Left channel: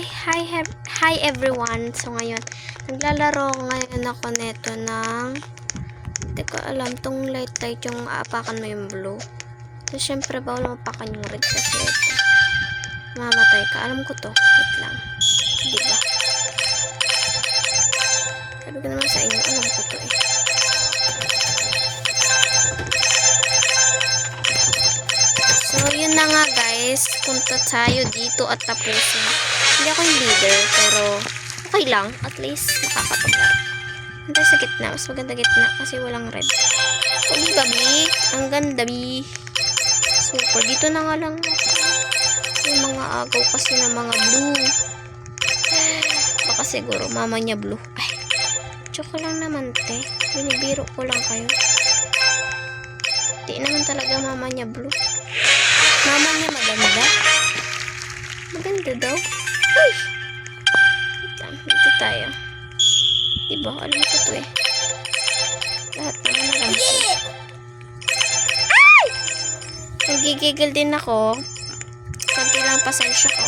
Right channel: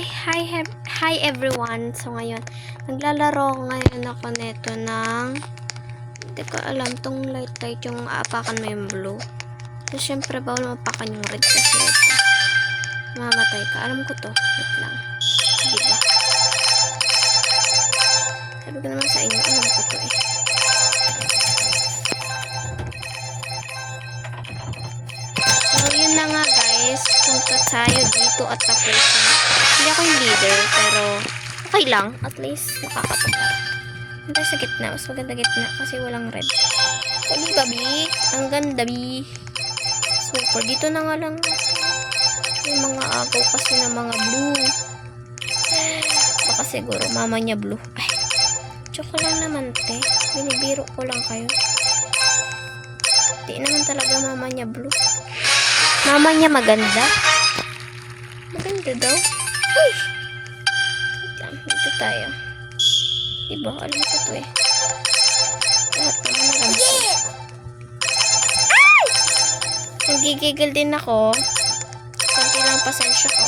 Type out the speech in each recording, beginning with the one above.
Hi everyone. So ngayon, naglalaro ngayon ako neto ng hindi ko alam tong light yung aapakan mo yung blue. So syempre bawal mapakan yung red kasi ito. Mamatay ka. Alam ko to. Wait lang. Diba? Sabi ko naman sa inyo, alam ko to eh. So yun na nga guys, punta tayo dito at tapusin. Hindi ako yung leader pero okay lang, at least nakakapaglar. Hantay sa gitna, mas maganda gitna kasi walang red. O diba bi? Ang ganda bi. Super, dito na nga lang may mga agaw kasi ng mga blue. Baka siguro mama niya blue. Ay, joke lang naman te. Binibiro ko lang kayo. Di naman talaga mama niya blue. Mama niya maganda. Maganda daw. Uy! Dito tayo. Diba? Alam ko to eh. Lahat naman alam ko. Ay! Nagigigil din ako. Kanti lang pasensya ko.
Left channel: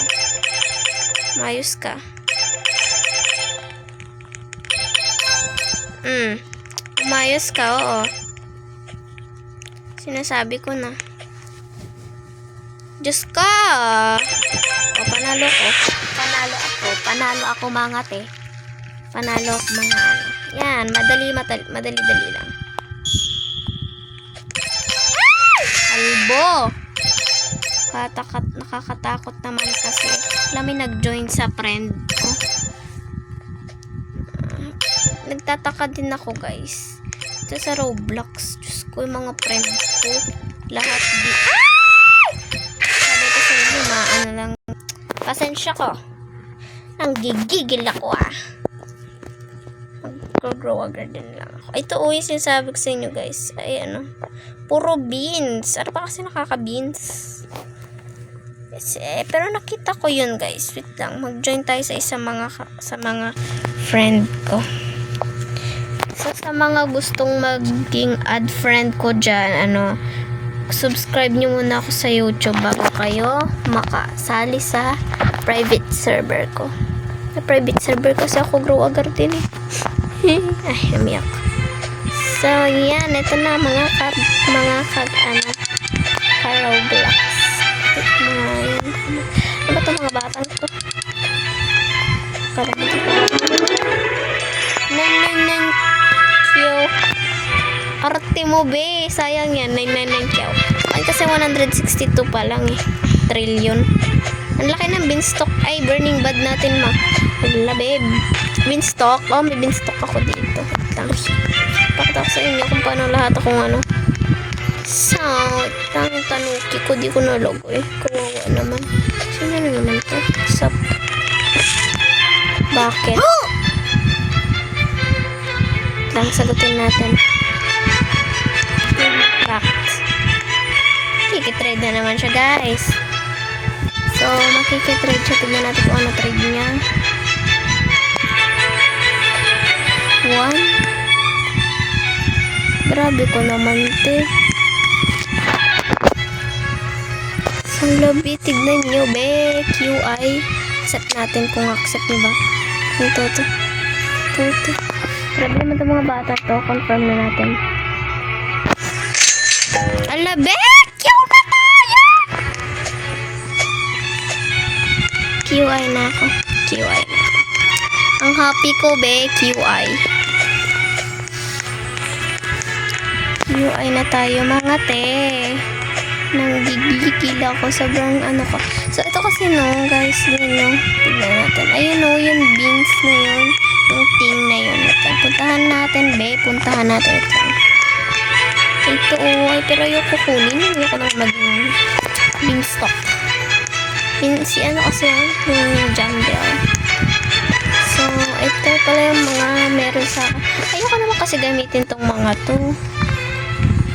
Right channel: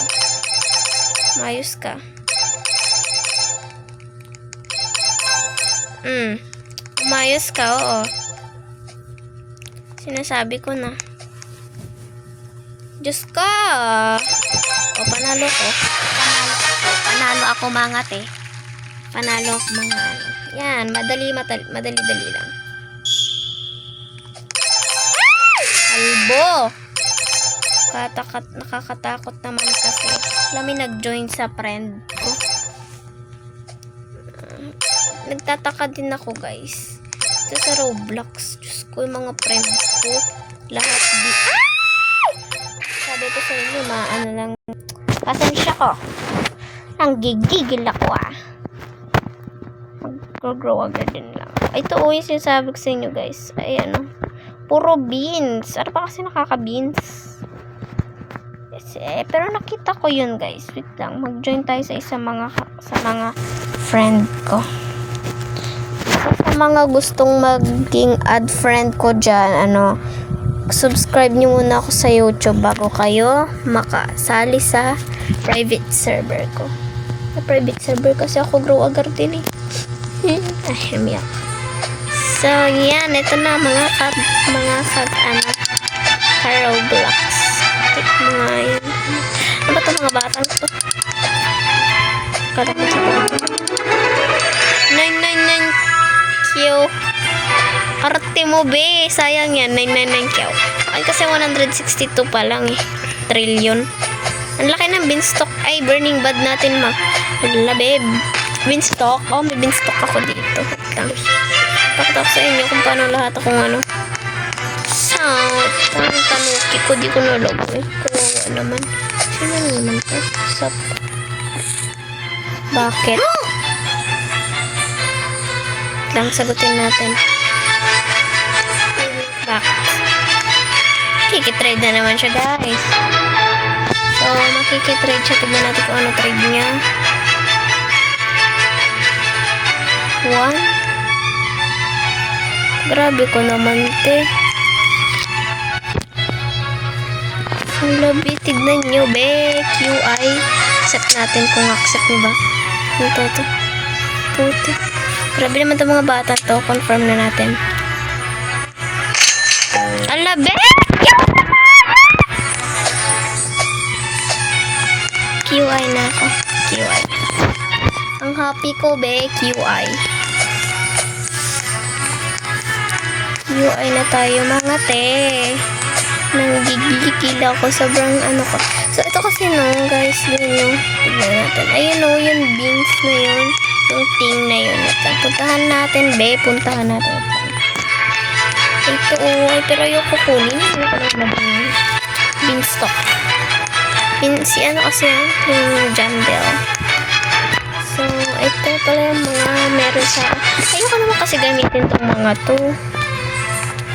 Mayos ka. Umayos ka, oo. Sinasabi ko na. Diyos ka! O, panalo ko. Panalo ako mga te. Panalo ako mga ano. Yan, madali lang. Albo! Nakakatakot naman kasi. Alam mo, nag-join sa friend ko. Nagtataka din ako guys. Ito sa Roblox. Diyos ko, yung mga friend ko. Lahat di... Sabi ko sa inyo, ano lang. Pasensya ko. Ang gigigil ako Mag-grow agad din lang. Ito yung sinasabi ko sa inyo guys. Ay ano. Puro beans. Ano pa kasi nakaka-beans? Yes, pero nakita ko yun guys. Wait lang. Mag-join tayo sa mga friend ko. So sa mga gustong maging add friend ko dyan, subscribe nyo muna ako sa YouTube bago kayo makasali sa private server ko. Sa private server kasi ako grow agar din eh. Ay, umiyak. So, yan. Ito na mga Roblox. Mga yan. Ano ba ito mga batang to? Kala ko sa talaga. 999 kyo. Arte mo be. Sayang yan. 999 kyo. Ay, kasi 162 pa lang eh. Trillion. Ang laki ng beanstalk. Ay, burning bad natin Wala babe. Beanstalk. Oh, may beanstalk ako dito. Pakita ko sa inyo kung paano lahat akong sound. Ang tanuki ko. Di ko nalogo eh. Kawawa naman. Sino naman to? Sup? Bakit? Lang sagutin natin. Bakit? Kikitrade na naman siya guys. So, makikitrade siya. Tignan natin kung ano trade niya. 1. Grabe ko naman, te. Ang labi. Tignan nyo, be. QI. Accept natin kung accept nyo ba. Yung toto. Puti. Grabe naman itong mga bata to. Confirm na natin. Ang labi! QI na ako. QI na. Ang happy ko, be. QI. QI na tayo, mga te. Nanggigigil ako. Sobrang ko. So, ito kasi guys. Tignan natin. Ayun yung beans na yun. Yung thing na yun. Puntahan natin, be. Puntahan natin. Ito, ay, pero yung kukunin. Ano ko naman maging beanstalk. Kasi yan? Yung Jandel. So, ito pala yung mga meron sa... Ayoko naman kasi gamitin tong mga to.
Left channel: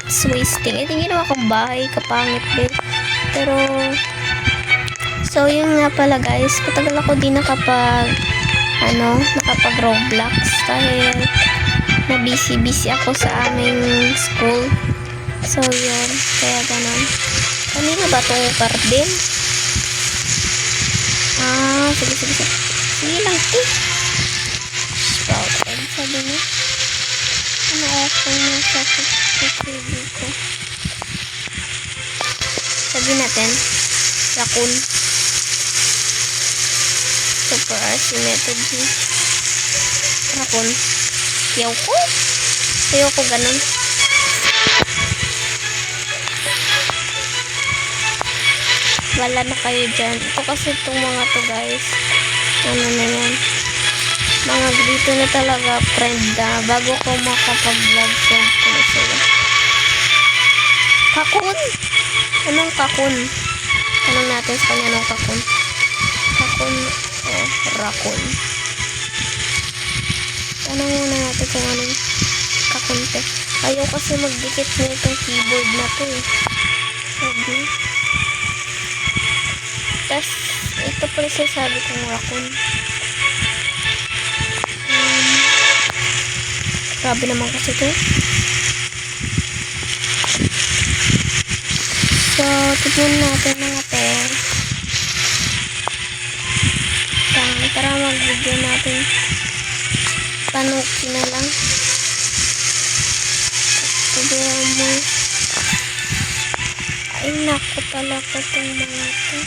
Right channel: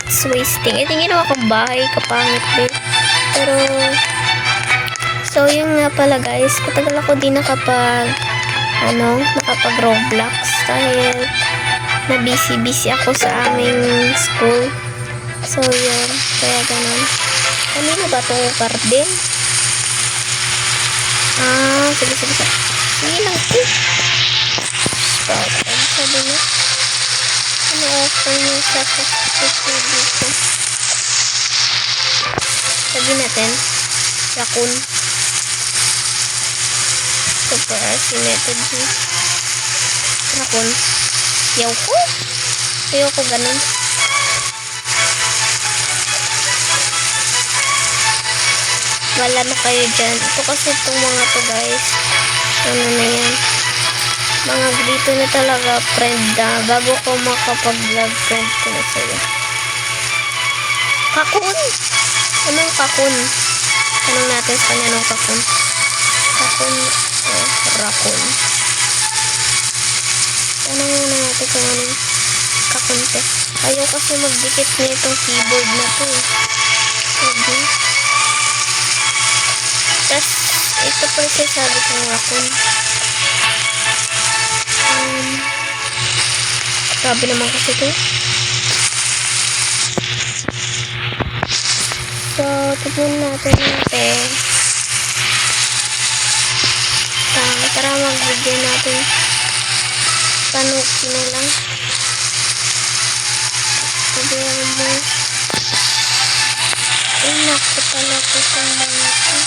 It's wasting. Ito yung ginawa kong bahay. Kapangit, be. Pero... So, yun nga pala guys. Patagal ako din nakapag Roblox. Dahil na busy ako sa aming school. So, yun. Kaya ganun. Kanina ba itong garden? Sige, sige, sige. Sige lang, Sprout egg, sabi niya. Ano offer niya sa pagkakit dito? Sabi natin, raccoon. Super asymmetry. Raccoon. Ayaw ko ganun. Wala na kayo dyan. Ito kasi itong mga to guys. Ano na yan. Mga dito na talaga friend na. Bago ko makapag-vlog friend ko na sila. Kakun! Anong kakun? Tanong natin sa kanya anong kakun. Kakun o raccoon. Tanong muna natin kung anong kakun te. Ayaw kasi magdikit na itong keyboard na to eh. Sabi. Tapos, ito po yung sabi kong raccoon. Grabe naman kasi ito. So, tignan natin. Tara mag-video natin. Tanuki na lang. Tignan mo. Ay, naku talaga itong mga ito.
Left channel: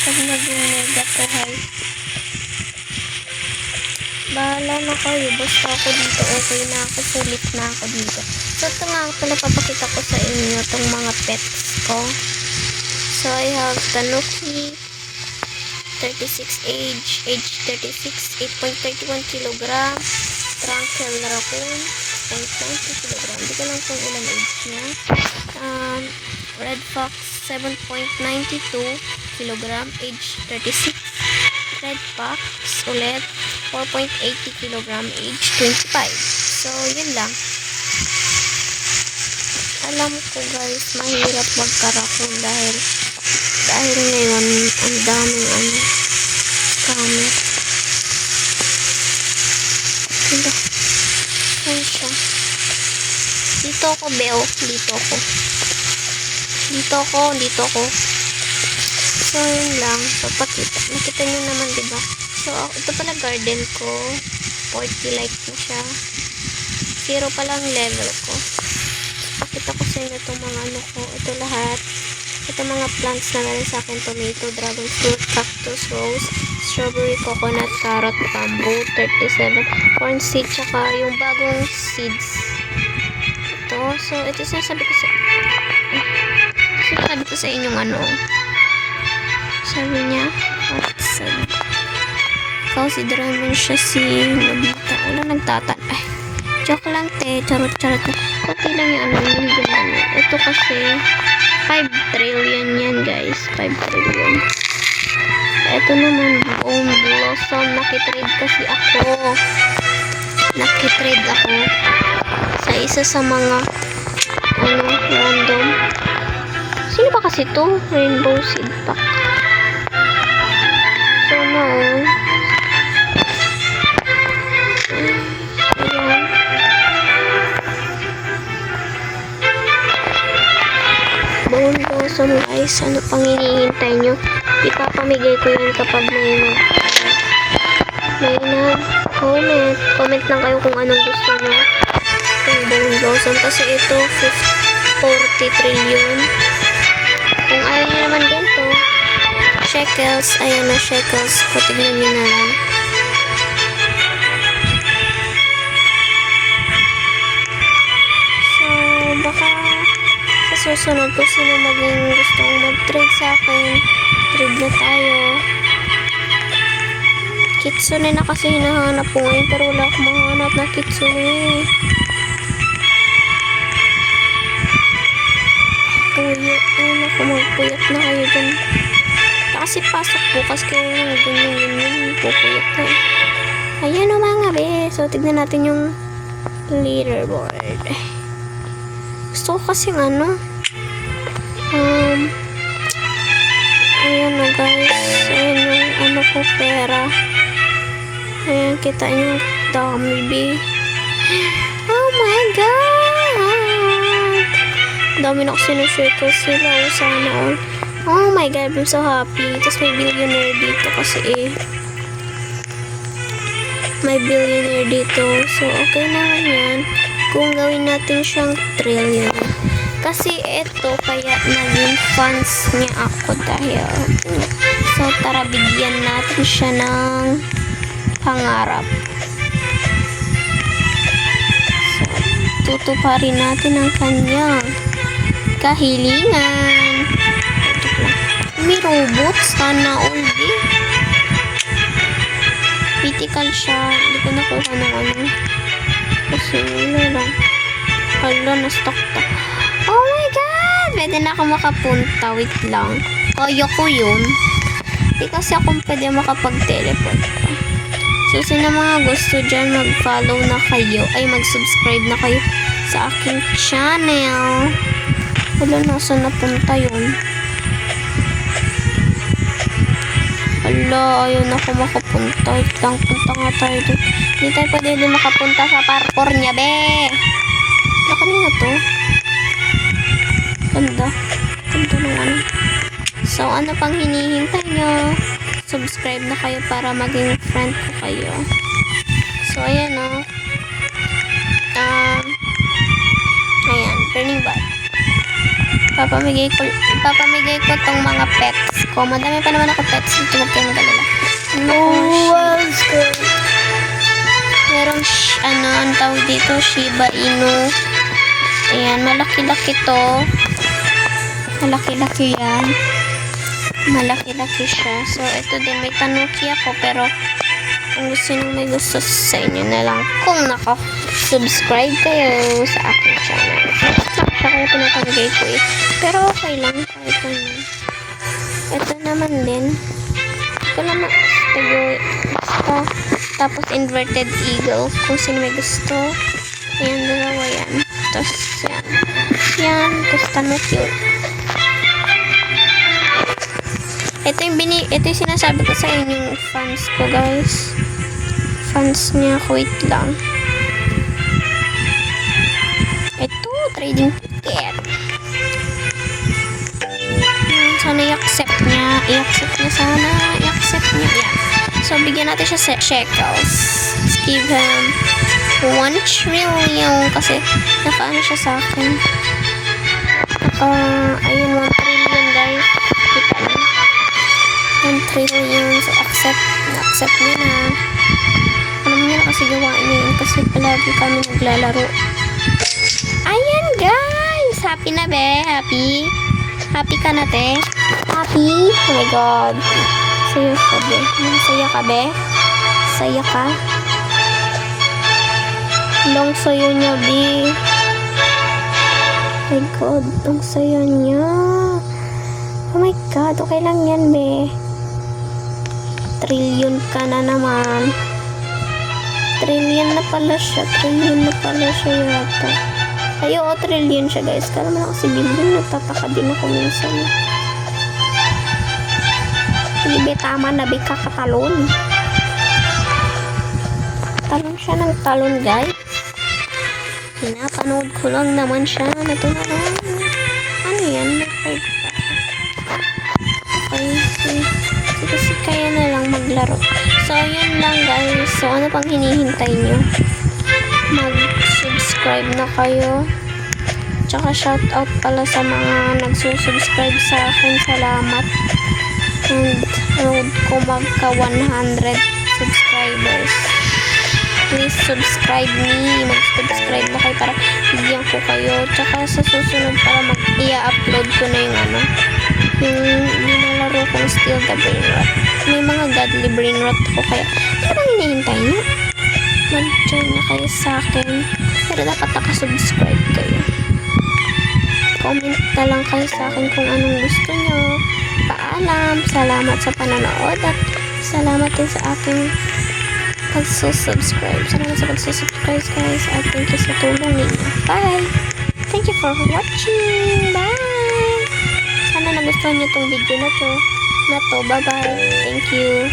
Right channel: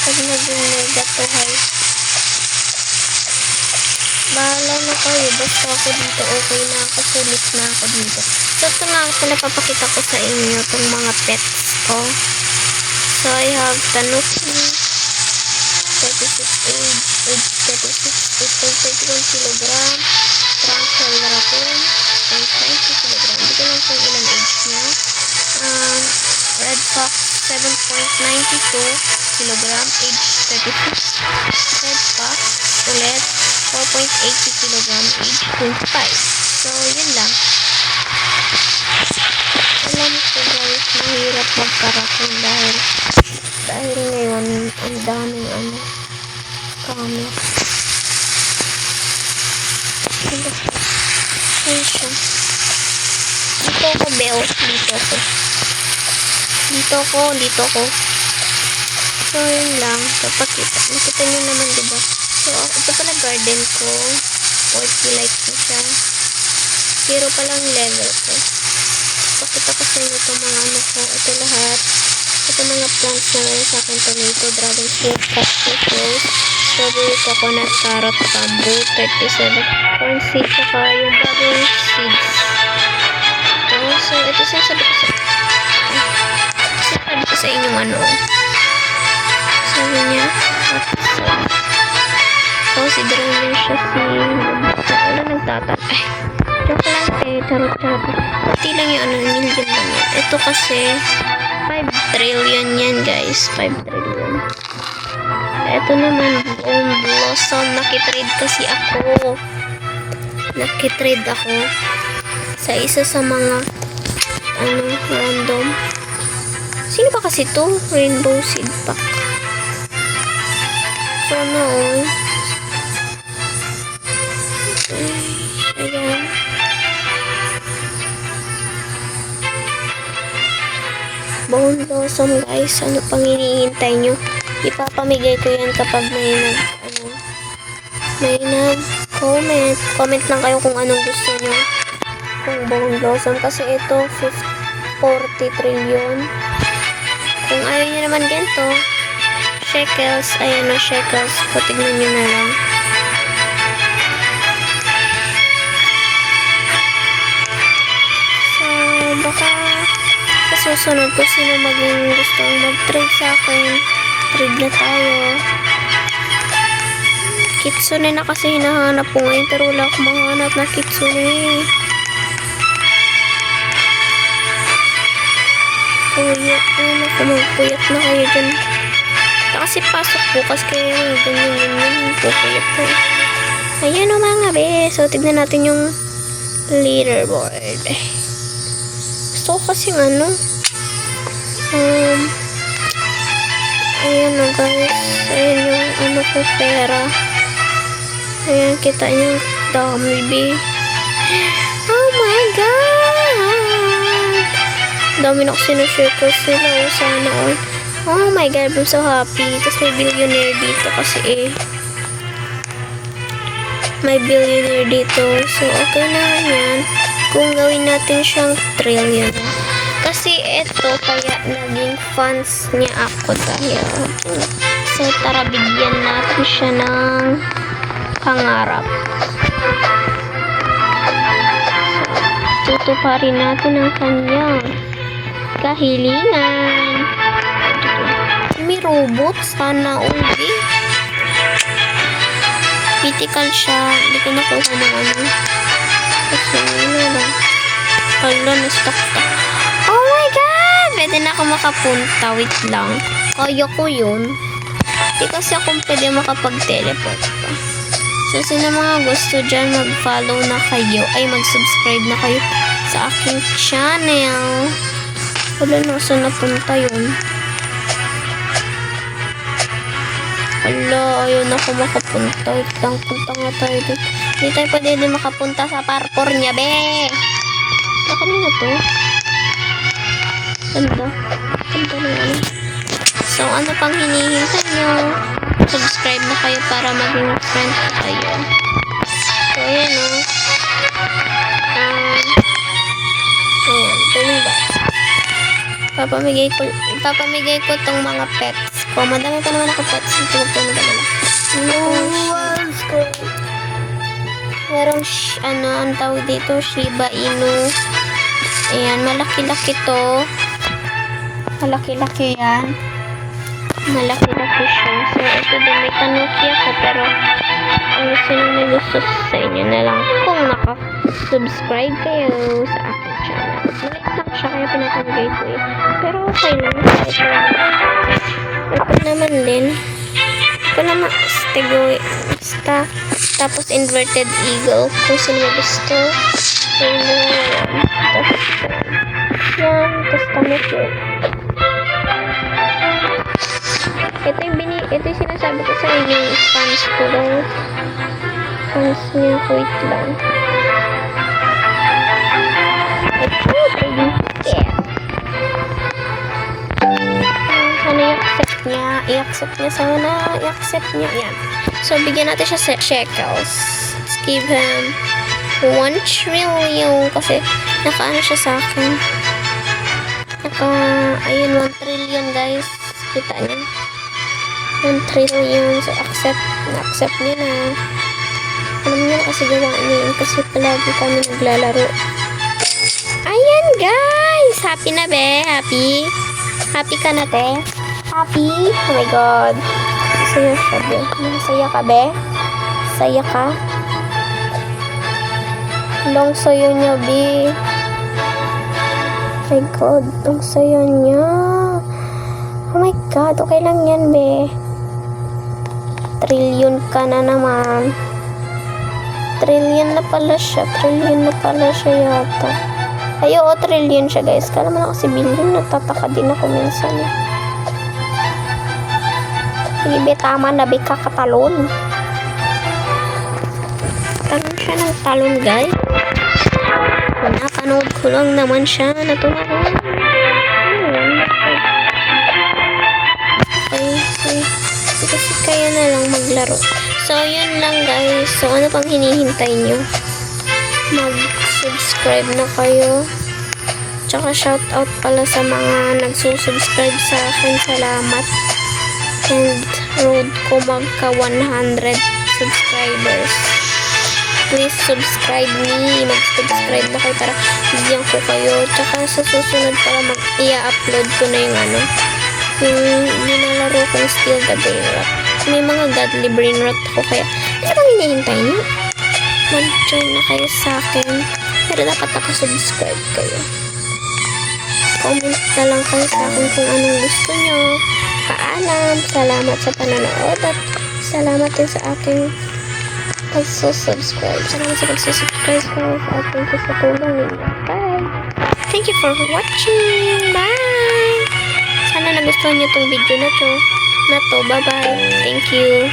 Pag naging mega to high. Bahala na kayo. Basta ako dito. Okay na ako. Sulit na ako dito. So, ito nga ito napapakita ko sa inyo. Itong mga pets ko. So, I have Tanuki. 36 age. Age 36. 8.31 kilogram. Tranquil raccoon. 0.90 kilogram. Hindi ko lang kung ilang age niya. Red fox. 7.92 kilogram. Age 36. Red fox. Ulit. 4.80 kilogram. Age 25. So, yun lang. Alam ko guys, mahirap magkarakon dahil ngayon, ang daming scammer. Ayan siya. Dito ako, Beo. Dito ako. So, yun lang. Papakita. Nakita nyo naman, diba? So, ito pala garden ko. 40 like na siya. 0 pa lang level ko. Pakita ko sa inyo itong mga ano ko. Ito lahat. Ito mga plants na meron sa akin. Tomato, dragon fruit, cactus, rose, strawberry, coconut, carrot, bamboo, 37, corn seed, saka yung bagong seeds. Ito. So, ito sabi ko sa inyong ano. Sabi niya, consideran niya siya si Lubita. Wala nagtatan. Ay, joke lang te. Charot. Pati lang yung ano, yung ganda niya. Ito kasi, 5 trillion yan guys. 5 trillion. Ito naman, Bone Blossom. Nakitrade kasi ako. Sa isa sa mga random. Sino ba kasi to? Rainbow Seed Pack. So, no. Ayan. Bone Blossom guys. Ano pang hinihintay nyo? Ipapamigay ko yan kapag may nag-comment. Comment lang kayo kung anong gusto nyo. Kung Bone Blossom. Kasi ito, 40 trillion. Kung ayaw nyo naman ganito, shekels. Ayan na, shekels. So, tignan nyo na lang. So, baka sa susunod ko sino maging gustong mag-trade sa akin. Trade na tayo. Kitsune na kasi hinahanap ko ngayon. Pero wala akong mahanap na kitsune. Puyat. Ayun ako, magpuyat na kayo dyan. Kasi pasok bukas kaya ganyan. Pupuyat na eh. Ayan o mga be. So, tignan natin yung leaderboard. Gusto ko kasing ayan o guys. Ayan yung ko pera. Ayan, kita nyo. Dami be. Oh my God! Dami na ko sinusircle sila. Oh, sana all. Oh my God, I'm so happy. Tapos may billionaire dito kasi may billionaire dito. So, okay naman yan. Kung gawin natin siyang trillion. Kasi ito, kaya naging fans niya ako dahil. So, tara bigyan natin siya ng pangarap. So, tutuparin natin ang kanyang kahilingan. May robot. Sana all day. Critical siya. Hindi ko nakuha ng ano. Kasi wala lang. Hala, na-stuck. Oh my God! Pwede na ako makapunta. Wait lang. Kaya ko yun. Hindi kasi ako pwede makapag-teleport pa. So, sino mga gusto dyan, mag-follow na kayo. Ay, mag-subscribe na kayo sa aking channel. Wala na, saan napunta yun? Hala, ayaw na ako makapunta. Wait lang, punta nga tayo dito. Hindi tayo pwede din makapunta sa parkour niya, be. Na kanina to? Ganda. Ganda na ano. So, ano pang hinihintay nyo? Subscribe na kayo para maging friend ko kayo. So, ayan o. Ayan, turning back. Ipapamigay ko tong mga pets ko. Madami pa naman ako pets dito. Huwag kayo mag-alala. Ano ko? Merong, ang tawag dito, Shiba Inu. Ayan, malaki-laki to. Malaki-laki yan. Malaki-laki siya. So, ito din, may tanuki ako, pero kung sino may gusto sa inyo na lang kung naka-subscribe kayo sa aking channel. Nakasnak siya kaya pinapamigay ko eh. Pero okay lang. Ito naman din. Ito naman, basta. Tapos, inverted eagle. Kung sino may gusto. Ayan na yan. Tapos, yan. Tapos, tanuki. Ito yung sinasabi ko sa inyong fans ko, guys. Fans niya, wait lang. Ito, trading ticket. Sana i-accept niya. I-accept niya. Yan. So, bigyan natin siya shekels. Let's give him 1 trillion. Kasi, nakaano siya sa akin. Ayun, 1 trillion, guys. Kita niyo. 1 trillion. So, na-accept niya na. Alam niya na kasi gawain niya yun. Kasi palagi kami naglalaro. Ayan, guys! Happy na, be? Happy? Happy ka na, te? Happy? Oh my God. Saya ka, be? Masaya ka, be? Saya ka? Long sayo niya, be. Oh my God. Ang sayo niya. Oh my God. Okay lang yan, be. Trillion ka na naman. Trillion na pala siya yata. Ay, oo, trillion siya, guys. Kala mo na kasi billion. Nagtataka din ako minsan. Hindi, tama na, be, kakatalon. Talon siya ng talon, guys. Napanood ko lang naman siya na tumalon. Ano yan? Okay. Kasi kaya na lang maglaro. So, yun lang, guys. So, ano pang hinihintay nyo? Mag-subscribe na kayo. Tsaka, shoutout pala sa mga nagsusubscribe sa akin. Salamat. And, road ko magka 100 subscribers. Please subscribe me. Mag-subscribe na kayo para bigyan ko kayo. Tsaka, sa susunod para i-upload ko na yung yung nilalaro kong Steal the Brain Rot. May mga godly brain rot ako kaya ano bang hinihintay niyo? Mag-join na kayo sa akin. Pero dapat nakasubscribe kayo. Comment na lang kayo sa akin kung anong gusto nyo. Paalam. Salamat sa panonood at salamat din sa aking pagsusubscribe. Salamat sa pagsusubscribe, guys. At thank you sa tulong ninyo. Bye! Thank you for watching. Bye! Sana nagustuhan nyo tong video na to. Bye-bye. Thank you.